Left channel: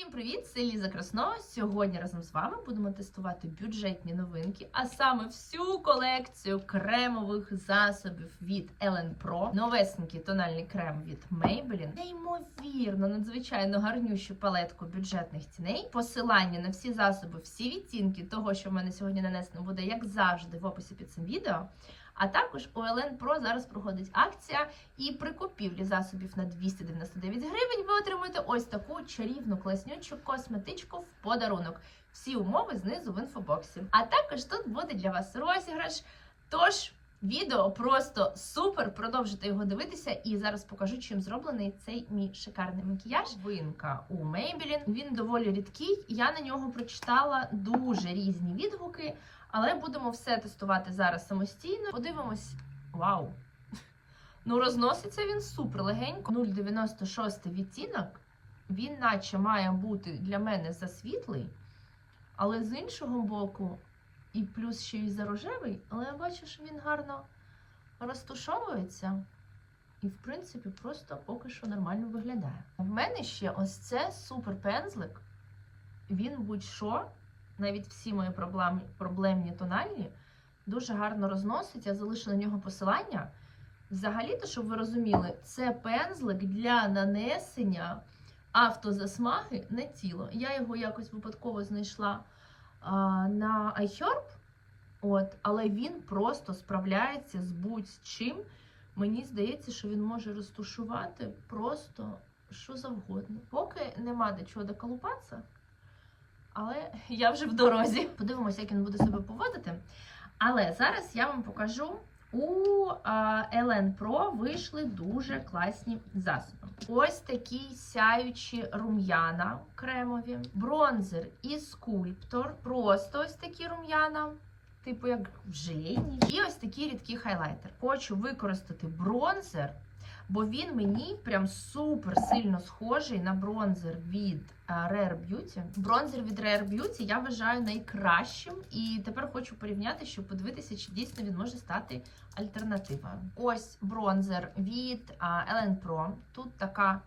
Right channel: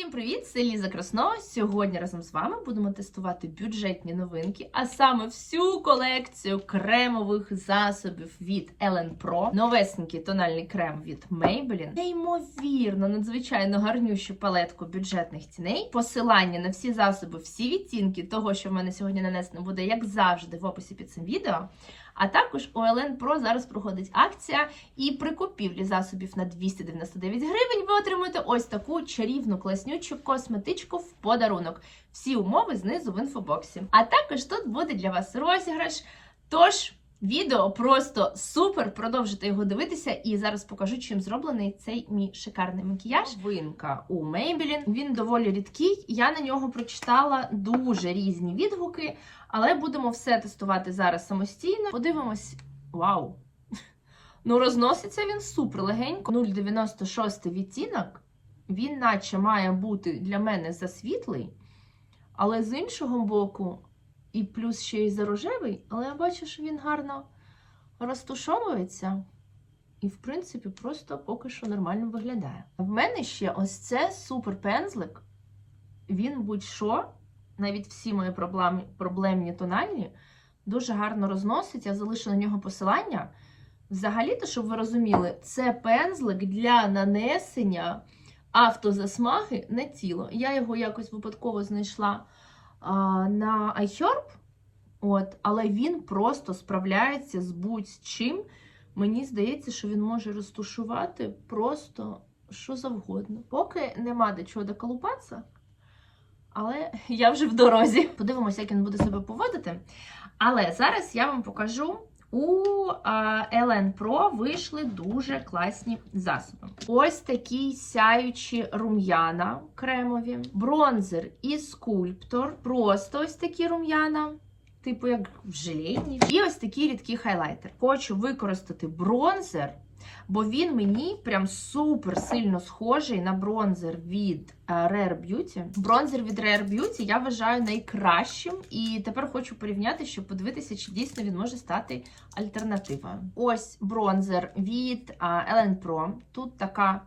Всім привіт! Це Ліза Краснова. Сьогодні разом з вами будемо тестувати бюджетні новинки, а саме всю колекцію кремових засобів від Ellen Pro, новесенький тональний крем від Maybelline, неймовірно, надзвичайно гарнющу палетку бюджетних тіней. Посилання на всі засоби, всі відтінки того, що в мене сьогодні нанесено, буде як завжди в описі під цим відео. А також у Ellen Pro зараз проходить акція, і при купівлі засобів на 299 гривень ви отримуєте ось таку чарівну класнючу косметичку в подарунок. Всі умови знизу в інфобоксі. А також тут буде для вас розіграш. Тож. Відео просто супер. Продовжуйте його дивитися, і зараз покажу, чим зроблений цей мій шикарний макіяж. Винка у Maybelline. Він доволі рідкий. Я на нього прочитала дуже різні відгуки, але будемо все тестувати зараз самостійно. Подивимось. Вау! Ну, розноситься він супер легенько. 0,96 відтінок. Він, наче, має бути для мене засвітлий, але з іншого боку, і плюс ще й за рожевий, але я бачу, що він гарно розтушовується. І, в принципі, просто поки що нормально виглядає. В мене ще ось це супер пензлик. Він будь-що, навіть всі мої проблемні, проблемні тональні, дуже гарно розносить. Я залишу на нього посилання. Взагалі-то, щоб ви розуміли, це пензлик для нанесення автозасмаги на тіло. Я його якось випадково знайшла а, на iHerb, от, але він просто справляється з будь-чим. Мені здається, що він може розтушувати просто що завгодно. Поки нема до чого доколупатися, але я вже в дорозі. Подивимося, як він буде себе поводити. Але зараз я вам покажу. У Елен Pro вийшли дуже класні засоби. Ось такі сяючі рум'яна кремові, бронзер і скульптор. Просто ось такі рум'яна, типу як в желені. І ось такий рідкий хайлайтер. Хочу використати бронзер, бо він мені прям супер сильно схожий на бронзер від е, Rare Beauty. Бронзер від Rare Beauty я вважаю найкращим. І тепер хочу порівняти, щоб подивитися, чи дійсно він може стати альтернативою. Ось бронзер від Ellen Pro. Тут така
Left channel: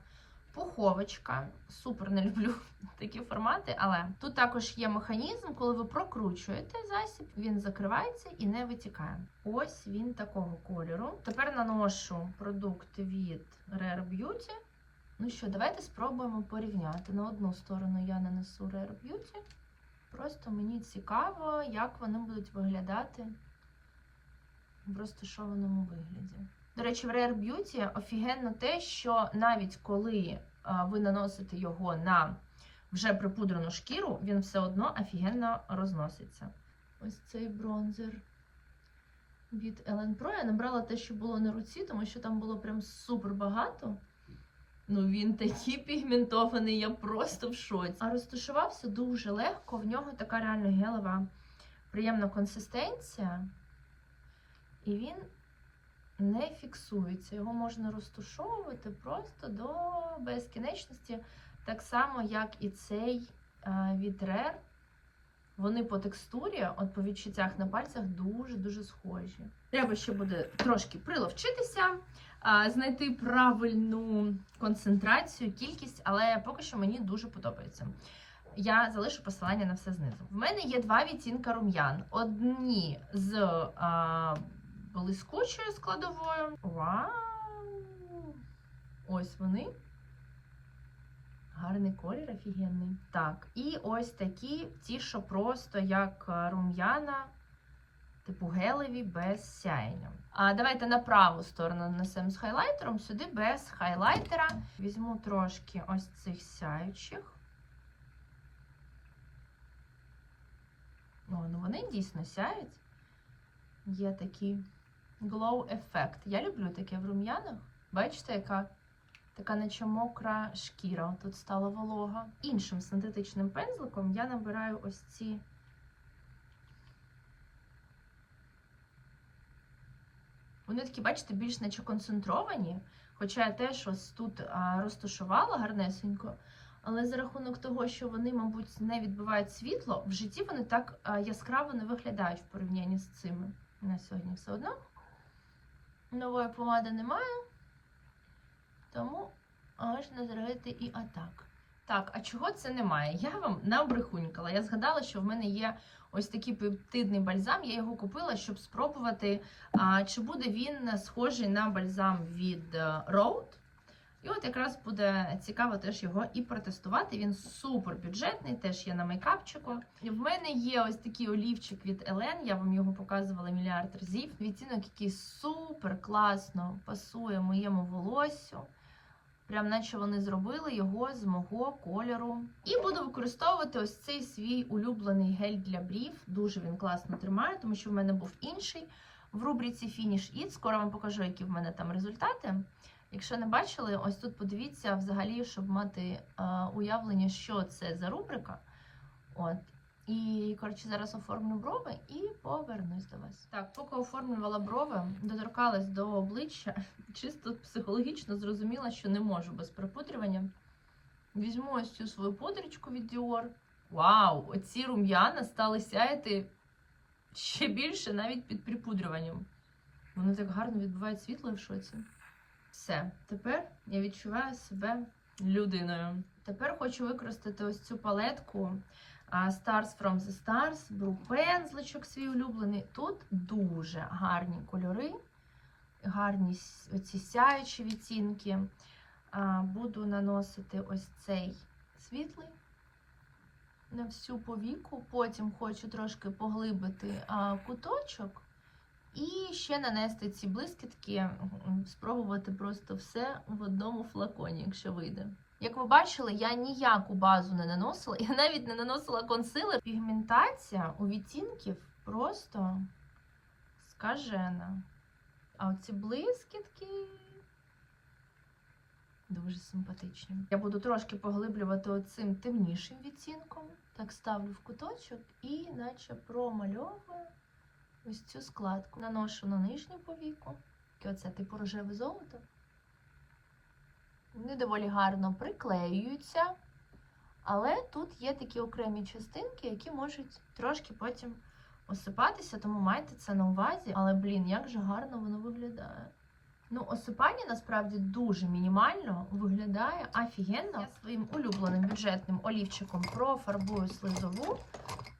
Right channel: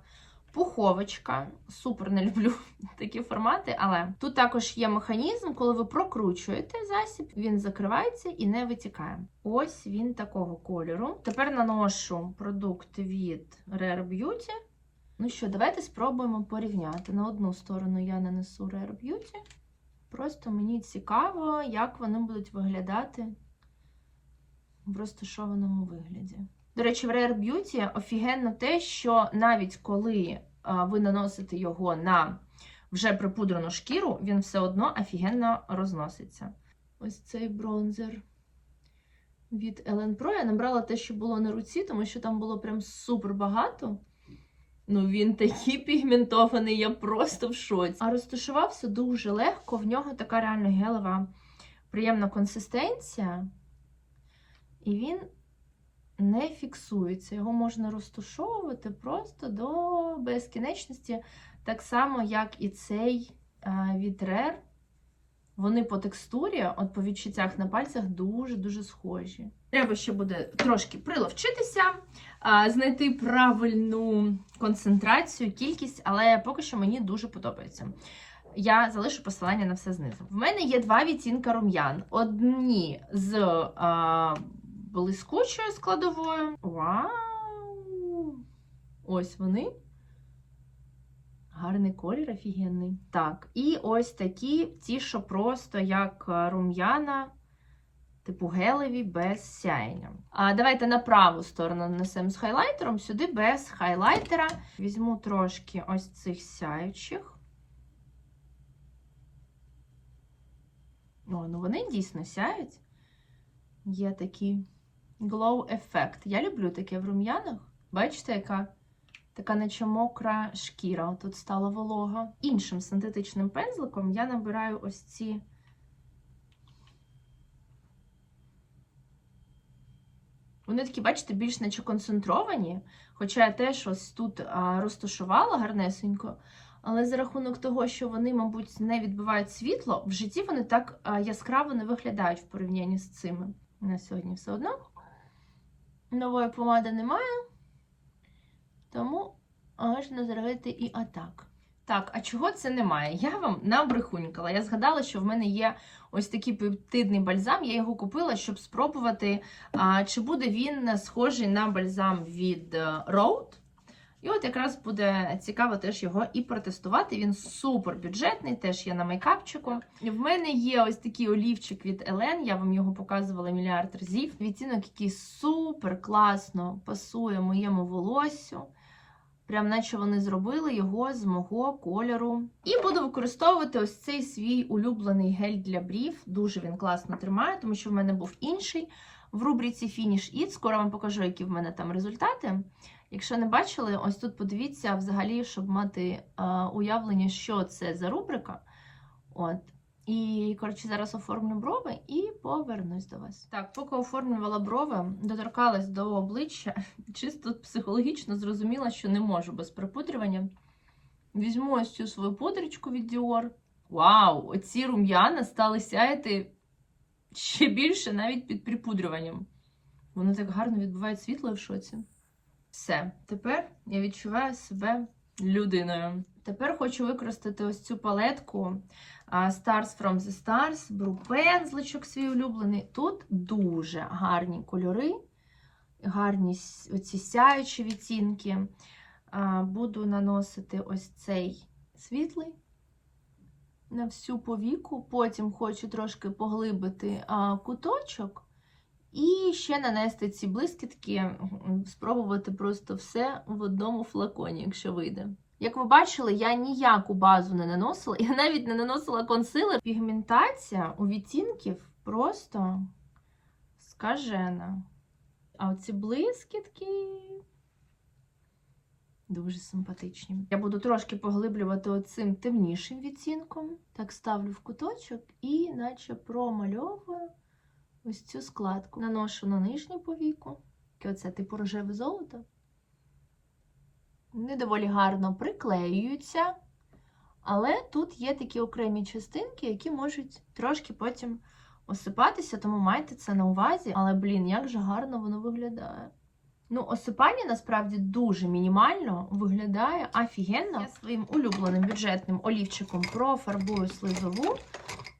пуховочка. Супер не люблю такі формати, але тут також є механізм, коли ви прокручуєте засіб, він закривається і не витікає. Ось він такого кольору. Тепер наношу продукт від Rare Beauty. Ну що, давайте спробуємо порівняти. На одну сторону я нанесу Rare Beauty. Просто мені цікаво, як вони будуть виглядати в розташованому вигляді. До речі, в Rare Beauty офігенно те, що навіть коли ви наносите його на вже припудрену шкіру, він все одно офігенно розноситься. Ось цей бронзер від Ellen Pro. Я набрала те, що було на руці, тому що там було прям супер багато. Ну, він такий пігментований, я просто в шоці. А розташувався дуже легко, в нього така реально гелева, приємна консистенція. І він не фіксується. Його можна розташовувати просто до безкінечності. Так само, як і цей від Rare. Вони по текстурі, от по відчуттях на пальцях, дуже-дуже схожі. Треба ще буде трошки приловчитися, знайти правильну концентрацію, кількість, але поки що мені дуже подобається. Я залишу посилання на все знизу. В мене є два відтінка рум'ян. Одні з а, блискучою складовою. Вау! Ось вони. Гарний колір, офігенний. Так, і ось такі, ті, що просто як рум'яна, типу гелеві без сяєння. А давайте на праву сторону нанесемо з хайлайтером, сюди без хайлайтера. Візьму трошки ось цих сяючих. О, ну вони дійсно сяють. Є такий glow ефект. Я люблю таке в рум'янах. Бачите, яка така наче мокра шкіра. Тут стала волога. Іншим синтетичним пензликом я набираю ось ці. Вони такі, бачите, більш наче концентровані. Хоча я теж ось тут розташувала гарнесенько. Але за рахунок того, що вони, мабуть, не відбивають світло, в житті вони так яскраво не виглядають в порівнянні з цими. На сьогодні все одно. Нової помади немає, тому можна зробити і атак. Так, а чого це немає? Я вам набрехунькала. Я згадала, що в мене є ось такий пептидний бальзам. Я його купила, щоб спробувати, чи буде він схожий на бальзам від е, Rode. І от якраз буде цікаво теж його і протестувати. Він супер бюджетний, теж є на мейкапчику. В мене є ось такий олівчик від Елен, я вам його показувала мільярд разів. Відтінок, який супер класно пасує моєму волоссю. Прям наче вони зробили його з мого кольору. І буду використовувати ось цей свій улюблений гель для брів. Дуже він класно тримає, тому що в мене був інший в рубриці Finish It. Скоро вам покажу, які в мене там результати. Якщо не бачили, ось тут подивіться взагалі, щоб мати а, уявлення, що це за рубрика. От. І, коротше, зараз оформлю брови і повернусь до вас. Так, поки оформлювала брови, доторкалась до обличчя, чисто психологічно зрозуміла, що не можу без припудрювання. Візьму ось цю свою пудричку від Dior. Вау! Оці рум'яна стали сяяти ще більше навіть під припудрюванням. Воно так гарно відбиває світло в шоці. Все, тепер я відчуваю себе людиною. Тепер хочу використати ось цю палетку Stars from the Stars, беру пензличок свій улюблений. Тут дуже гарні кольори, гарні оці сяючі відтінки. Буду наносити ось цей світлий на всю повіку. Потім хочу трошки поглибити куточок. І ще нанести ці блискітки, спробувати просто все в одному флаконі, якщо вийде. Як ви бачили, я ніяку базу не наносила, я навіть не наносила консилер. Пігментація у відтінків просто скажена. А оці блискітки дуже симпатичні. Я буду трошки поглиблювати оцим темнішим відтінком. Так ставлю в куточок і наче промальовую ось цю складку. Наношу на нижню повіку. Оце типу рожеве золото. Вони доволі гарно приклеюються. Але тут є такі окремі частинки, які можуть трошки потім осипатися, тому майте це на увазі. Але, блін, як же гарно воно виглядає. Ну, осипання насправді дуже мінімально виглядає офігенно. Я своїм улюбленим бюджетним олівчиком профарбую слизову.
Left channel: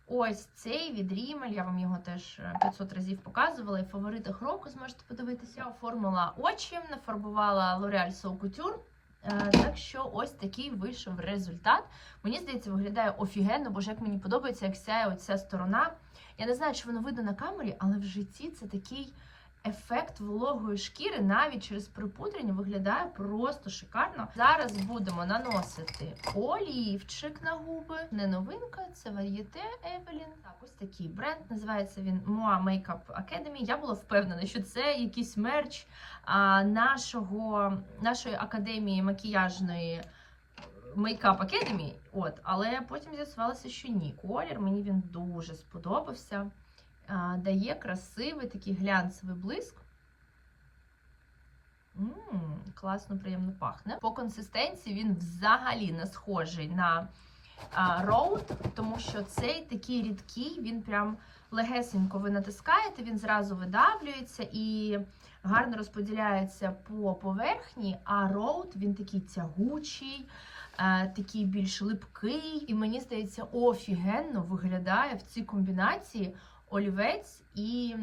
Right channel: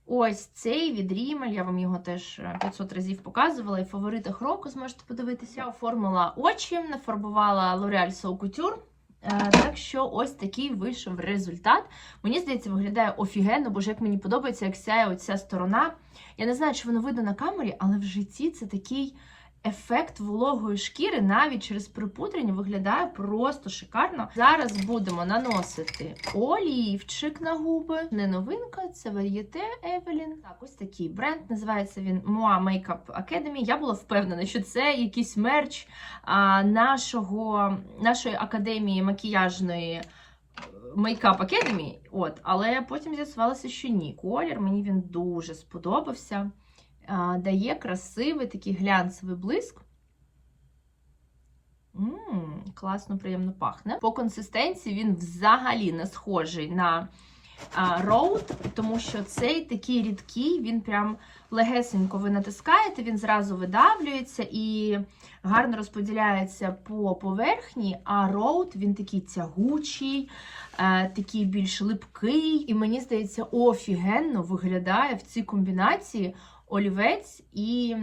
Ось цей від Rimmel, я вам його теж е, 500 разів показувала, і в фаворитах року зможете подивитися. Оформила очі, нафарбувала L'Oreal So Couture. Е, Так що ось такий вийшов результат. Мені здається, виглядає офігенно, бо ж як мені подобається, як сяє оця сторона. Я не знаю, чи воно видно на камері, але в житті це такий ефект вологої шкіри навіть через припудрення виглядає просто шикарно. Зараз будемо наносити олівчик на губи. Не новинка, це Varieté Evelyn. Так, ось такий бренд. Називається він Moa Makeup Academy. Я була впевнена, що це якийсь мерч а, нашого, нашої академії макіяжної. Makeup Academy, от, але потім з'ясувалося, що ні. Колір мені він дуже сподобався. Дає красивий такий глянцевий блиск. Ммм, класно, приємно пахне. По консистенції він взагалі не схожий на Road, тому що цей такий рідкий, він прям легесенько ви натискаєте, він зразу видавлюється і гарно розподіляється по поверхні, а Road він такий тягучий, е, такий більш липкий. І мені здається, офігенно виглядає в цій комбінації олівець і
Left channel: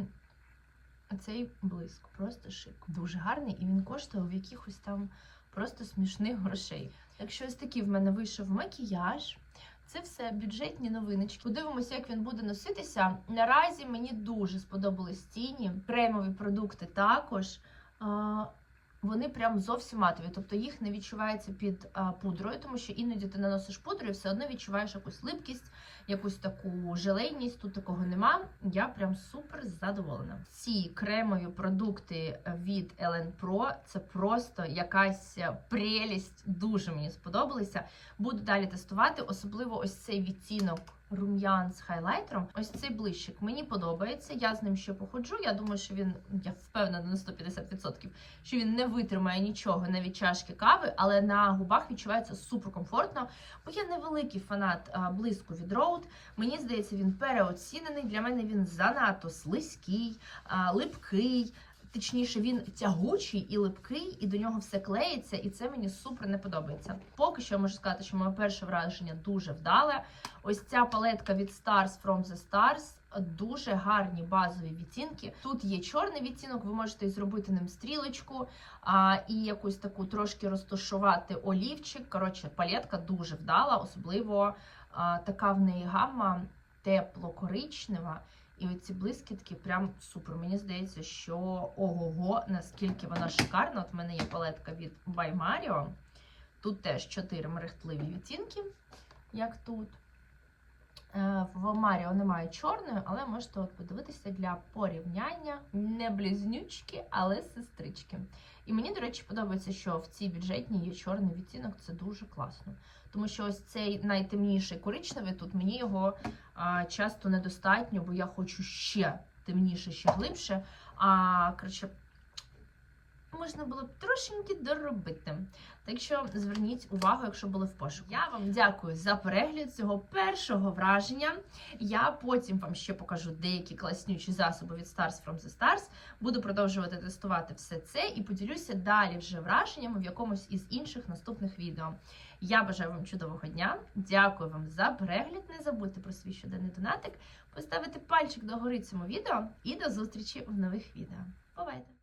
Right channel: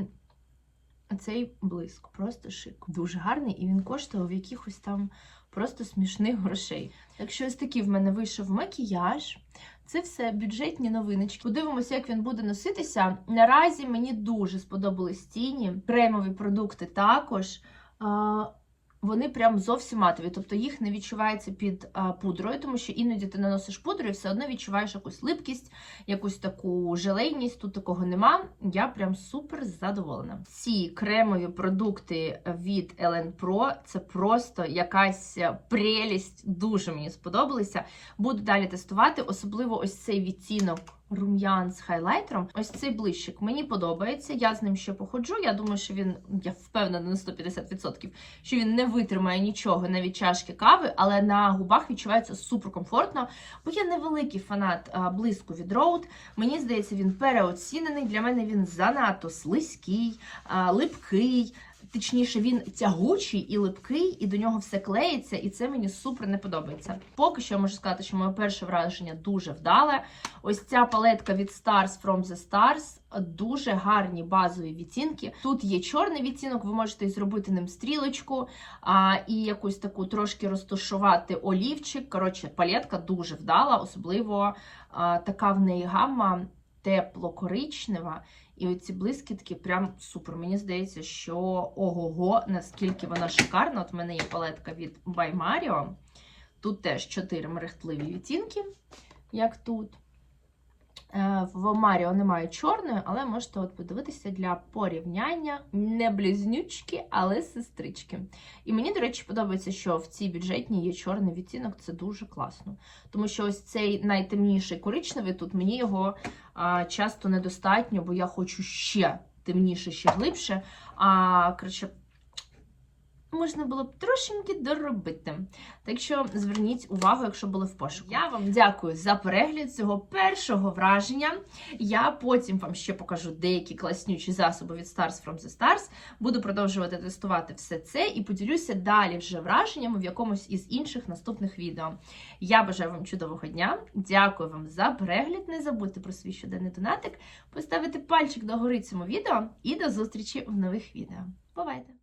цей блиск. Просто шик. Дуже гарний, і він коштував якихось там просто смішних грошей. Так що ось такий в мене вийшов макіяж. Це все бюджетні новиночки. Подивимося, як він буде носитися. Наразі мені дуже сподобались тіні, кремові продукти також. Вони прям зовсім матові, тобто їх не відчувається під а, пудрою, тому що іноді ти наносиш пудру і все одно відчуваєш якусь липкість, якусь таку желейність. Тут такого нема. Я прям супер задоволена. Ці кремові продукти від Ellen Pro це просто якась прелість. Дуже мені сподобалися. Буду далі тестувати, особливо ось цей відтінок рум'ян з хайлайтером. Ось цей блищик мені подобається. Я з ним ще походжу. Я думаю, що він, я впевнена на 150%, що він не витримає нічого, навіть чашки кави, але на губах відчувається супер комфортно. Бо я невеликий фанат блиску від Rode. Мені здається, він переоцінений. Для мене він занадто слизький, липкий. Точніше, він тягучий і липкий, і до нього все клеїться, і це мені супер не подобається. Поки що я можу сказати, що моє перше враження дуже вдале. Ось ця палетка від Stars from the Stars. Дуже гарні базові відтінки. Тут є чорний відтінок, ви можете зробити ним стрілочку а, і якусь таку трошки розташувати олівчик. Коротше, палетка дуже вдала, особливо а, така в неї гамма тепло-коричнева. І оці блискітки прям супер. Мені здається, що ого-го, наскільки вона шикарна. От в мене є палетка від By Mario. Тут теж 4 мерехтливі відтінки, як тут. Е, В Маріо немає чорної, але можете от подивитися для порівняння не близнючки, але сестрички. І мені, до речі, подобається, що в цій бюджетній є чорний відтінок, це дуже класно. Тому що ось цей найтемніший коричневий тут мені його а, часто недостатньо, бо я хочу ще темніше, ще глибше. А коротше, можна було б трошеньки доробити. Так що зверніть увагу, якщо були в пошуку. Я вам дякую за перегляд цього першого враження. Я потім вам ще покажу деякі класнючі засоби від Stars from the Stars. Буду продовжувати тестувати все це і поділюся далі вже враженнями в якомусь із інших наступних відео. Я бажаю вам чудового дня. Дякую вам за перегляд. Не забудьте про свій щоденний донатик, поставити пальчик догори цьому відео і до зустрічі в нових відео. Бувайте!